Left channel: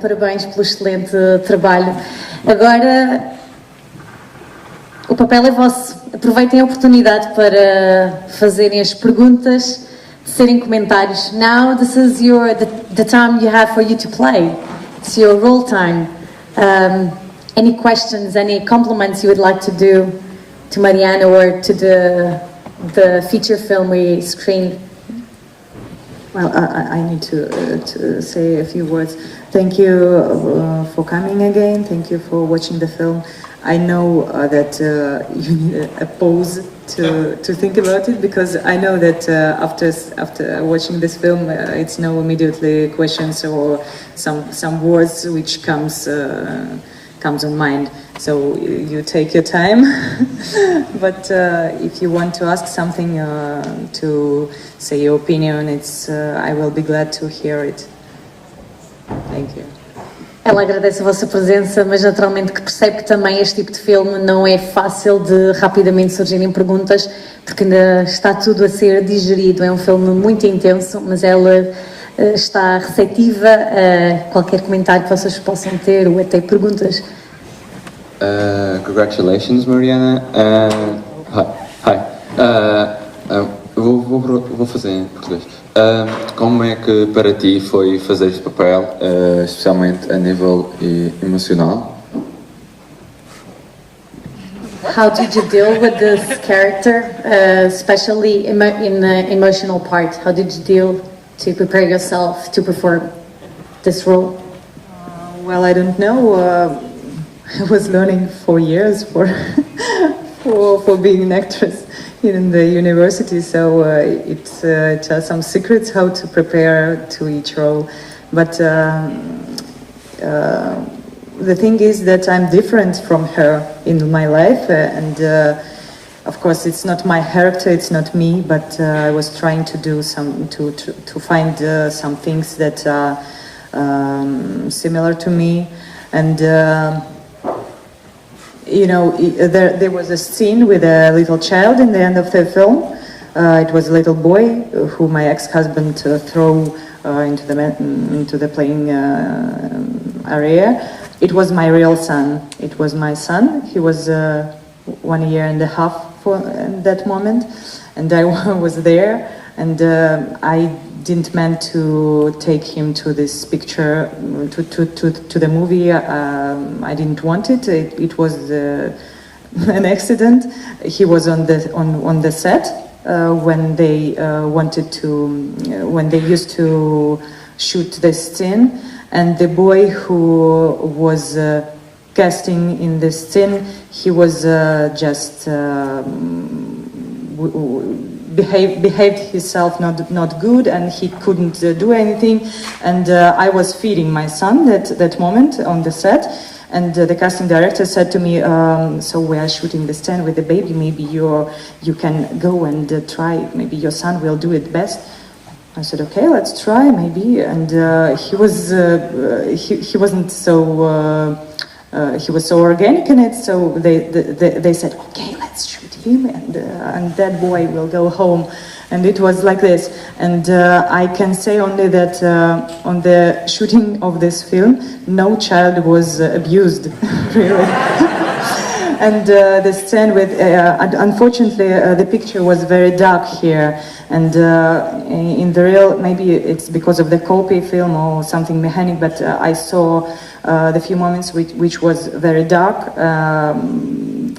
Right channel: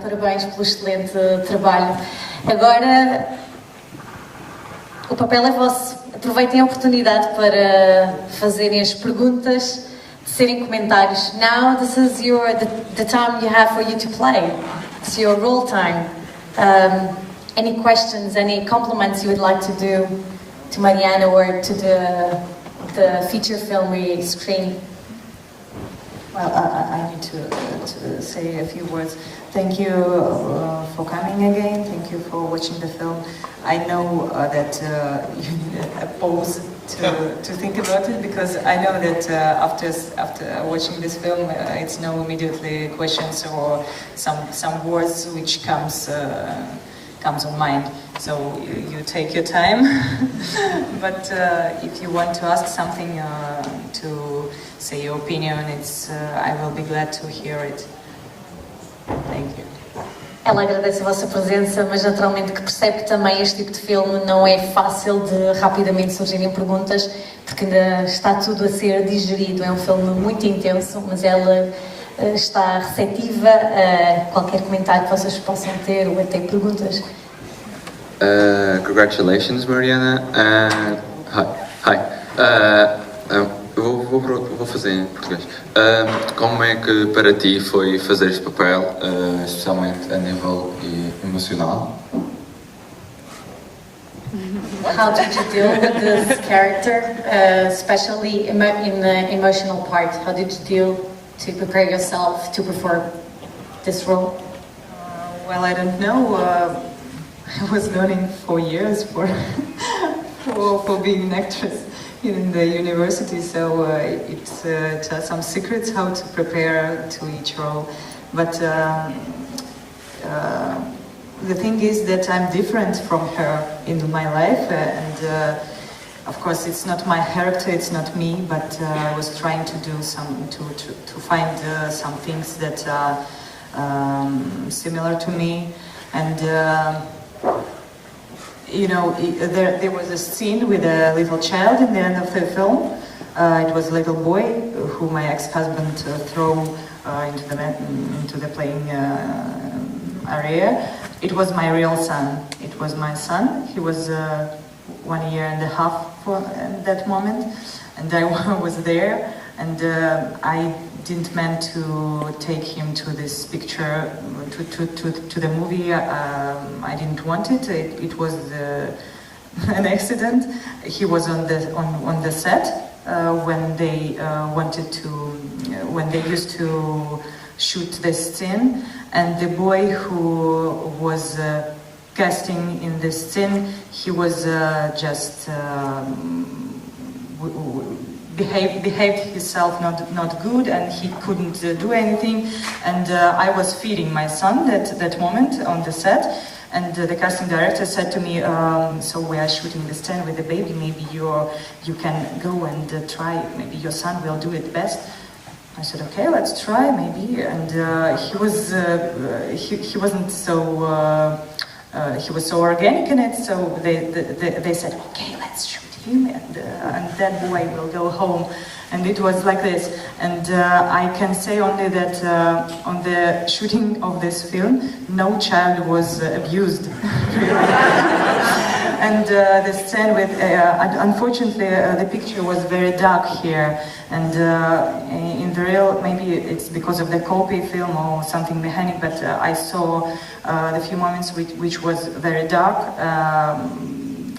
Parabéns pelo excelente trabalho. Agora, o papel é vosso. Aproveitem a oportunidade para fazerem as perguntas, serem comentários. Now, this is the time you have for you to play. It's your role time. Any questions, any compliments you would like to do to Mariana or to the feature film we screened? Well, I need to say a few words. Thank you for coming again. Thank you for watching the film. I know that you need a pause to think about it, because I know that after watching this film, it's no immediately questions or some words which comes on mind. So you take your time. But if you want to ask something, to say your opinion, I will be glad to hear it. Thank you. Ela agradece a vossa presença, mas naturalmente que percebe que também este tipo de filme não é fácil de rapidamente surgirem perguntas, porque ainda está tudo a ser digerido. É um filme muito intenso, mas ela está receptiva a qualquer comentário que vocês possam ter ou até perguntas. Congratulations, Mariana. Hi. Vou fazer em português. Como é que para ti foi fazer este papel, especialmente a nível emocional? How did you deal with this character, especially in the emotional part? How did you deal to prepare yourself to perform this role? Well, I don't know. I was learning for years for being an actress in the university, so it has some secrets how to prepare to each role. But the thing is that I'm different from her in my life, and of course it's not my character, it's not me, but I was trying to do to find some things that are similar to me, and there was a scene with a little child in the end of the film. It was a little boy who my ex-husband threw into the playing area. It was my real son. It was my son. He was 1 year and a half at that moment, and I was there, and I didn't meant to take him to this picture, to the movie. I didn't want it. It was an accident. He was on the set when they used to shoot this scene, and the boy who was casting in this scene, he was just behaved himself not good, and he couldn't do anything, and I was feeding my son that moment on the set, and the casting director said to me, so we are shooting the scene with the baby, maybe you can go and try, maybe your son will do it best. I said, okay, let's try, maybe, and he wasn't so he was so organic in it, so they said, okay, let's shoot him, and that boy will go home. And it was like this. And I can say only that on the shooting of this film, no child was abused, really. And the scene with, unfortunately, the picture was very dark here. And in the real, maybe it's because of the copy film or something mechanic, but I saw the few moments which was very dark.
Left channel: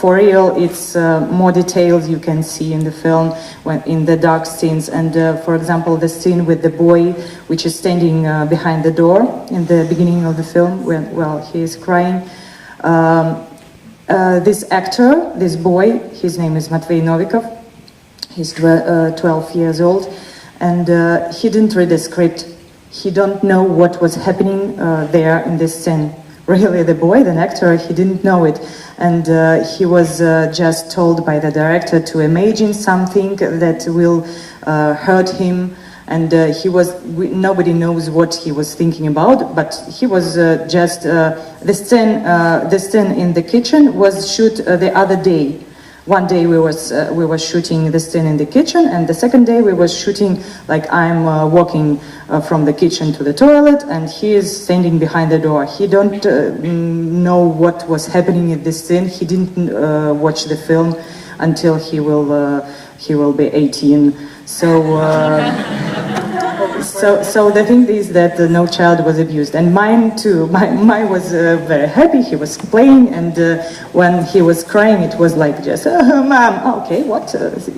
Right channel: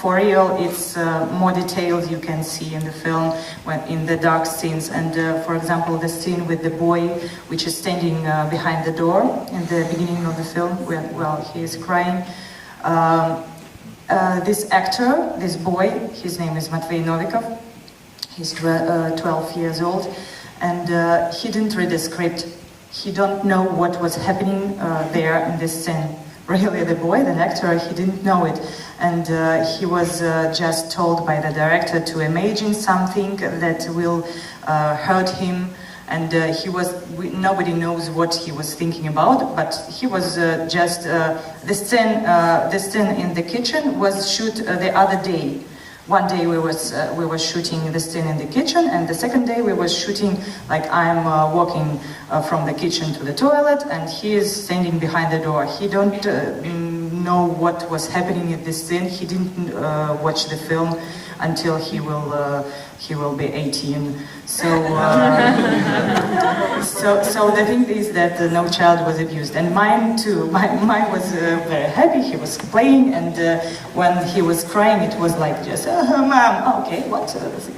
For real, it's more details you can see in the film when in the dark scenes. And for example, the scene with the boy, which is standing behind the door in the beginning of the film, while he is crying. This actor, this boy, his name is Madeira. He's 12 years old, and he didn't read the script. He don't know what was happening there in this scene. Really, the boy, the actor, he didn't know it. And he was just told by the director to imagine something that will hurt him and nobody knows what he was thinking about, but he was just the scene in the kitchen was shoot the other day. One day we were shooting the scene in the kitchen, and the second day we were shooting like I'm walking from the kitchen to the toilet, and he is standing behind the door. He don't know what was happening in this scene. He didn't watch the film until he will be 18. So the thing is that no child was abused, and mine too. Mine was very happy. He was playing, and when he was crying, it was like just, "Mom, okay, what?"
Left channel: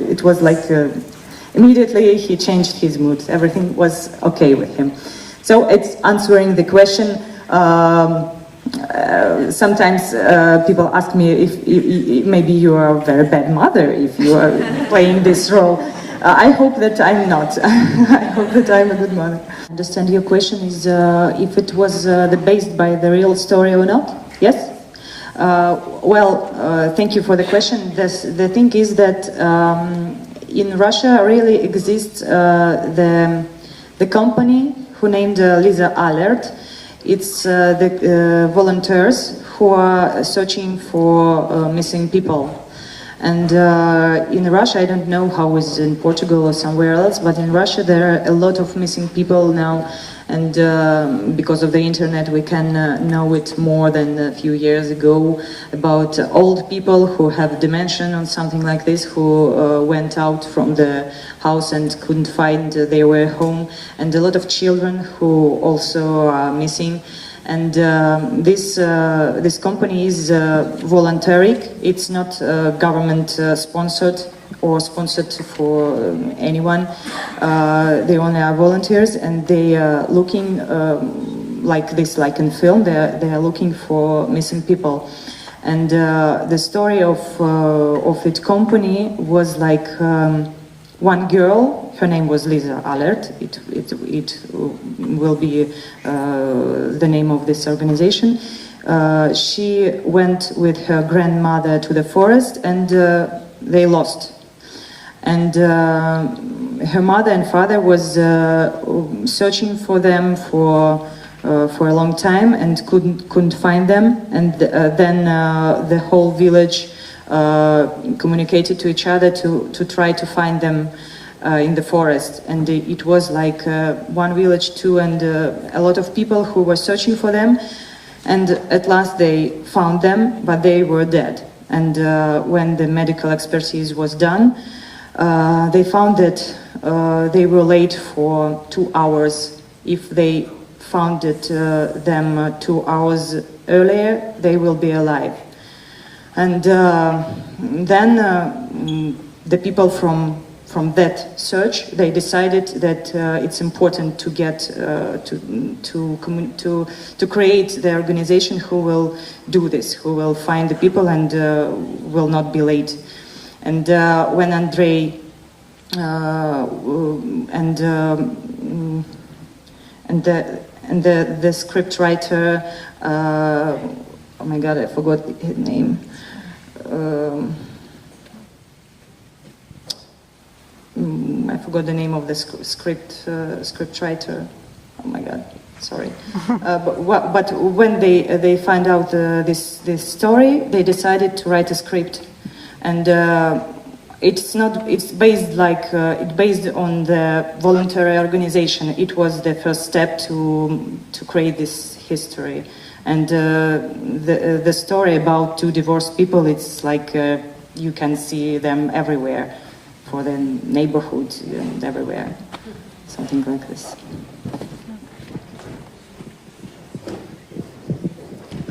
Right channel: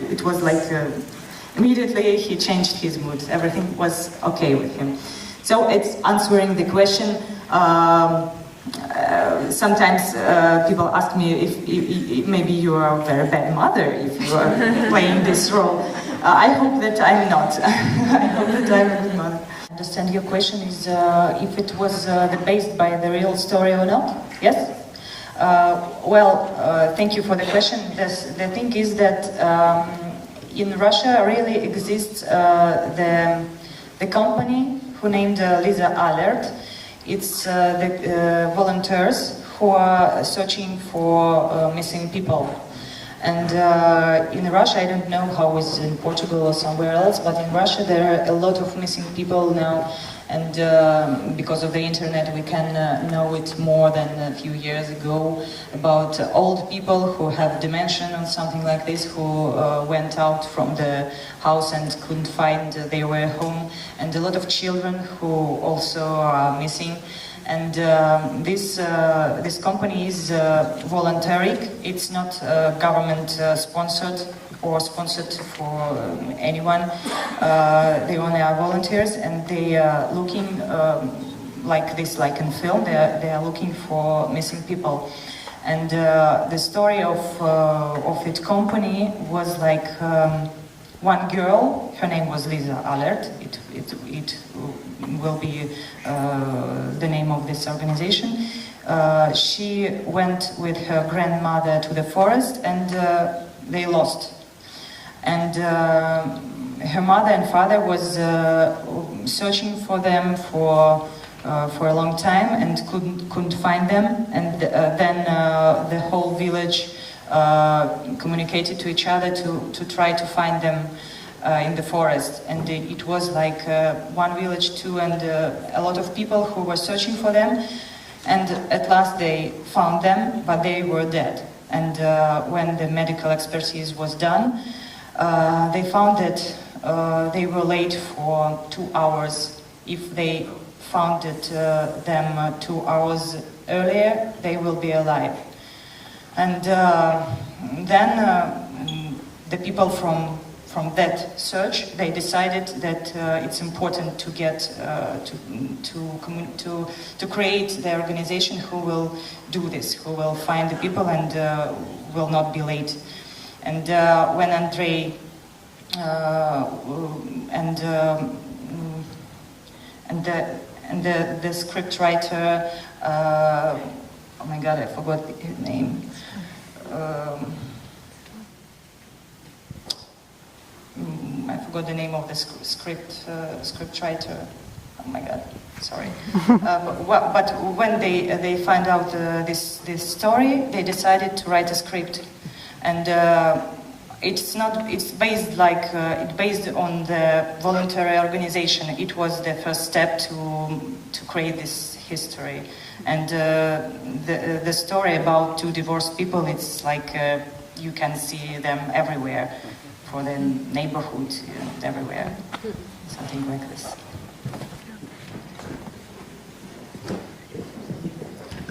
It was like immediately he changed his mood. Everything was okay with him. So it's answering the question. Sometimes people ask me if maybe you are a very bad mother if you are playing this role. I hope that I'm not. I hope that I'm a good mother. I understand your question is if it was based by the real story or not? Yes? Thank you for the question. The thing is that in Russia really exists the company who named Lisa Alert. It's the volunteers who are searching for missing people. And in Russia, I don't know how it's in Portugal or somewhere else, but in Russia there are a lot of missing people now, and because of the internet we can know it more than a few years ago about old people who have dementia or something like this, who went out from the house and couldn't find their way home, and a lot of children who also are missing. And this company is voluntary. It's not government sponsored or sponsored for anyone. They only are volunteers, and they are looking like this, like in film. They are looking for missing people. And the story of that company was like one girl. Her name was Lisa Alert. It will be the name of this organization. She went with her grandmother to the forest, and they lost. And her mother and father was searching for them for a long time and couldn't find them. And then the whole village communicated to each other to try to find them in the forest. And it was like one village too, and a lot of people who were searching for them. And at last they found them, but they were dead. And when the medical expertise was done, they found that they were late for 2 hours. If they found them 2 hours earlier, they will be alive. And then the people from that search, they decided that it's important to get to create the organization who will do this, who will find the people and will not be late. And when Andrei and the script writer, oh my God, I forgot his name. I forgot the name of the script writer. Oh my God, sorry. But when they find out this story, they decided to write a script, and it's based on the voluntary organization. It was the first step to create this history, and the story about two divorced people. It's like you can see them everywhere. For the neighborhood and everywhere, something like this.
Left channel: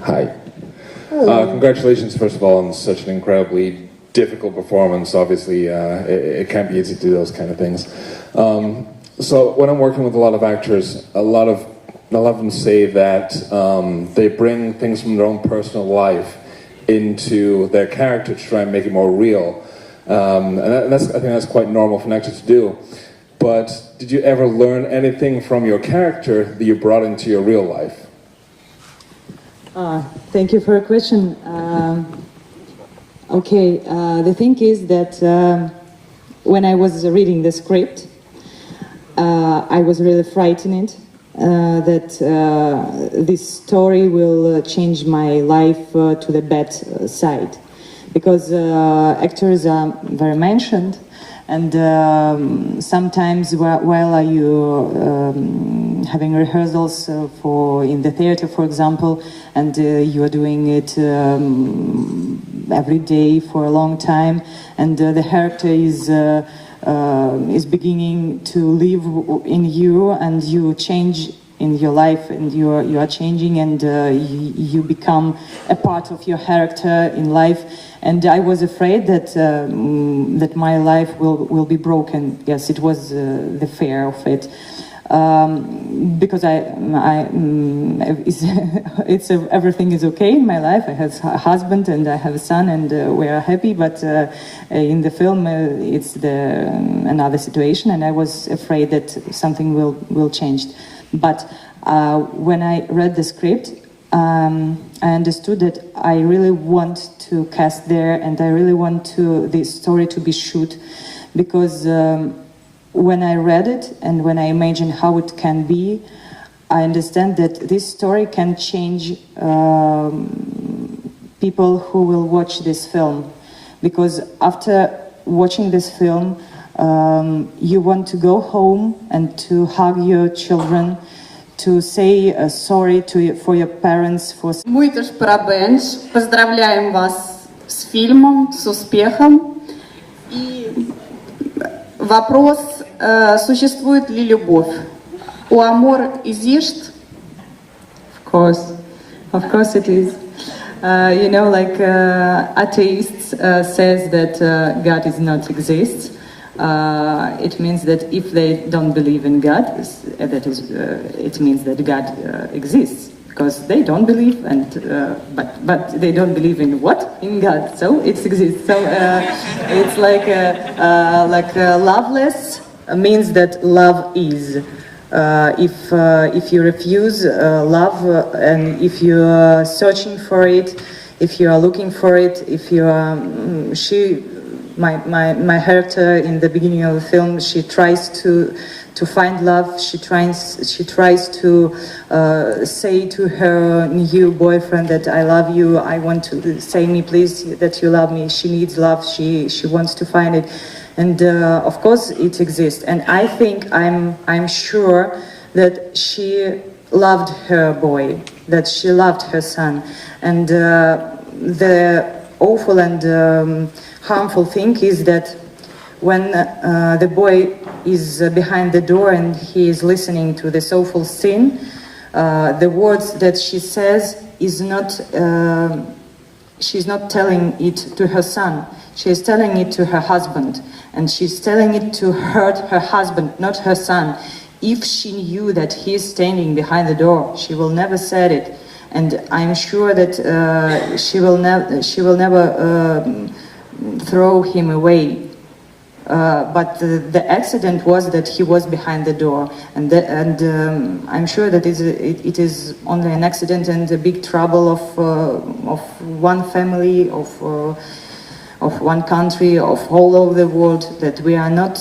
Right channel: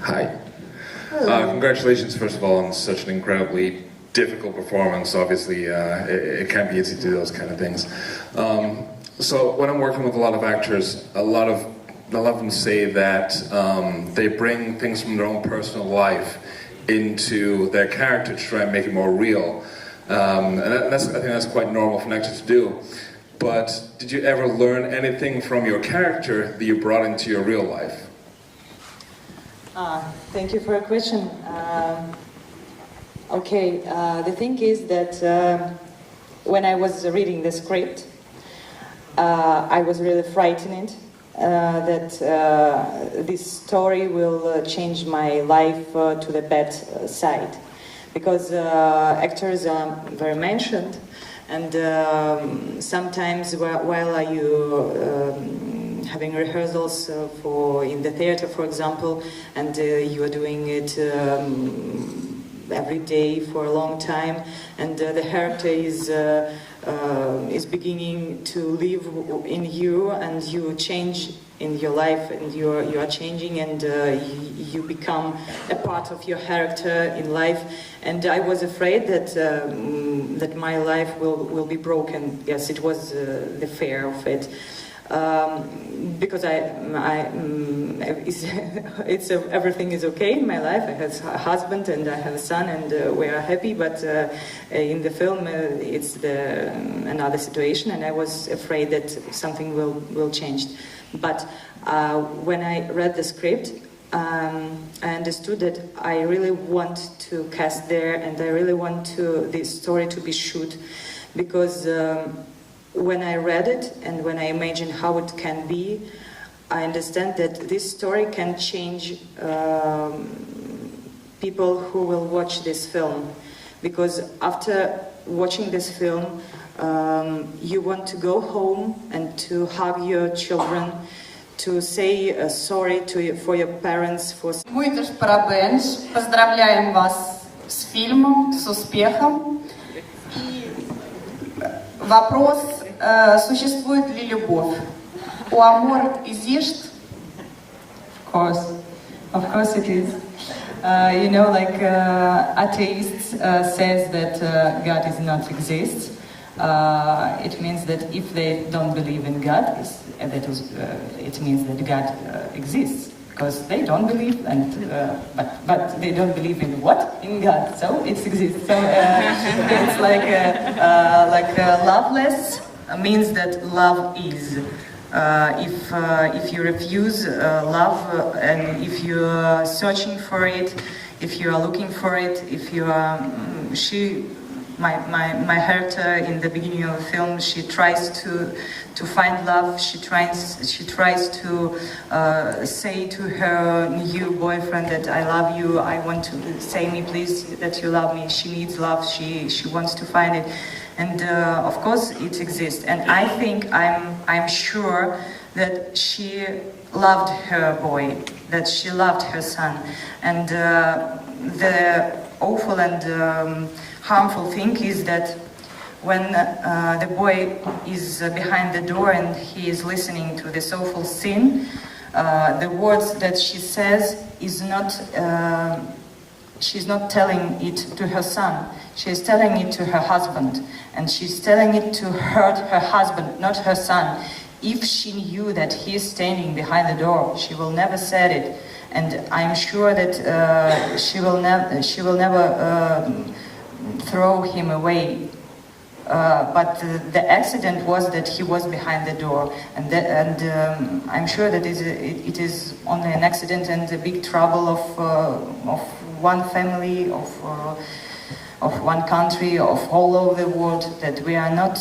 Hi. Congratulations, first of all, on such an incredibly difficult performance. Obviously, it can't be easy to do those kind of things. So when I'm working with a lot of actors, a lot of them say that they bring things from their own personal life into their character to try and make it more real. And I think that's quite normal for an actor to do. But did you ever learn anything from your character that you brought into your real life? Thank you for your question. The thing is that when I was reading the script, I was really frightened that this story will change my life to the bad side, because actors are very mentioned, and sometimes while you having rehearsals for in the theater, for example, and you are doing it every day for a long time, and the character is beginning to live in you, and you change in your life, and you are changing, and you become a part of your character in life. And I was afraid that that my life will be broken. Yes, it was the fear of it. Because everything is okay in my life. I have a husband and I have a son, and we are happy. But in the film, it's another situation, and I was afraid that something will change. But when I read the script, I understood that I really want to cast there, and I really want this story to be shoot, because when I read it and when I imagine how it can be, I understand that this story can change people who will watch this film. Because after watching this film, you want to go home and to hug your children, to say sorry for your parents. Muitos parabéns, поздравляем вас с фильмом, с успехом. И вопрос, существует ли любовь? O amor existe? Of course it is. Like atheists says that God is not exists. It means that if they don't believe in God, it means that God exists, because they don't believe, and but they don't believe in what? In God. So it exists. So it's like loveless means that love is. If you refuse love, and if you are searching for it, if you are looking for it, if you are my character in the beginning of the film, she tries to find love. She tries to say to her new boyfriend that I love you. I want to say me please that you love me. She needs love. She wants to find it, and of course it exists. And I think I'm sure that she loved her boy, that she loved her son, and the awful and harmful thing is that when the boy is behind the door and he is listening to this awful scene, the words that she says is not, she's not telling it to her son, she is telling it to her husband, and she's telling it to hurt her husband, not her son. If she knew that he is standing behind the door, she will never said it, and I'm sure that she will never throw him away. But the accident was that he was behind the door, and I'm sure that it is only an accident and a big trouble of one family, of one country, of all over the world, that we are not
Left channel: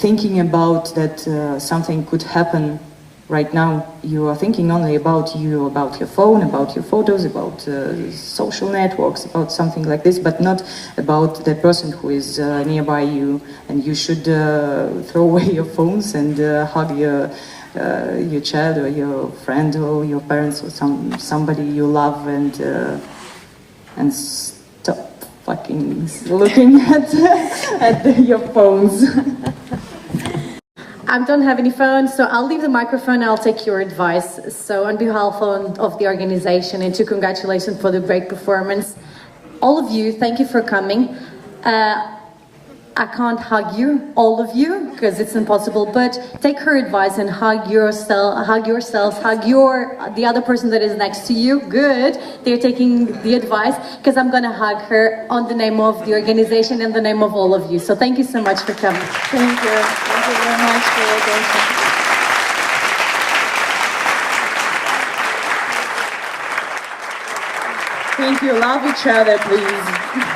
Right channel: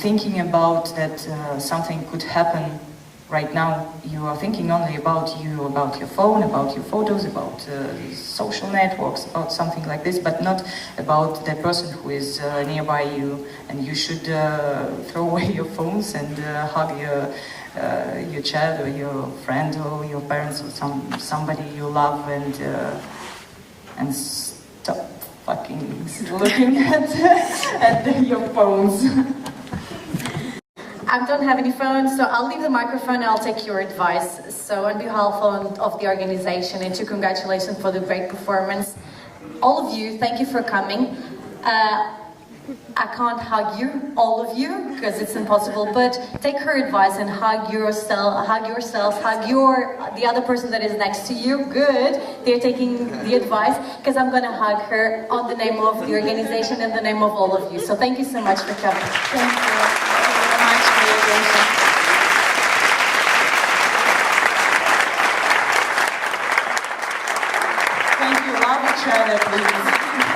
thinking about that something could happen. Right now, you are thinking only about your phone, about your photos, about social networks, about something like this, but not about the person who is nearby you. And you should throw away your phones and hug your child or your friend or your parents or somebody you love, and stop fucking looking at your phones. I don't have any phone, so I'll leave the microphone and I'll take your advice. So on behalf of the organization, and to congratulations for the great performance. All of you, thank you for coming. I can't hug you, all of you, because it's impossible, but take her advice and hug yourself, hug the other person that is next to you. Good, they're taking the advice, because I'm going to hug her on the name of the organization and the name of all of you. So thank you so much for coming. Thank you. Thank you very much for your attention. Thank you. Love each other, please.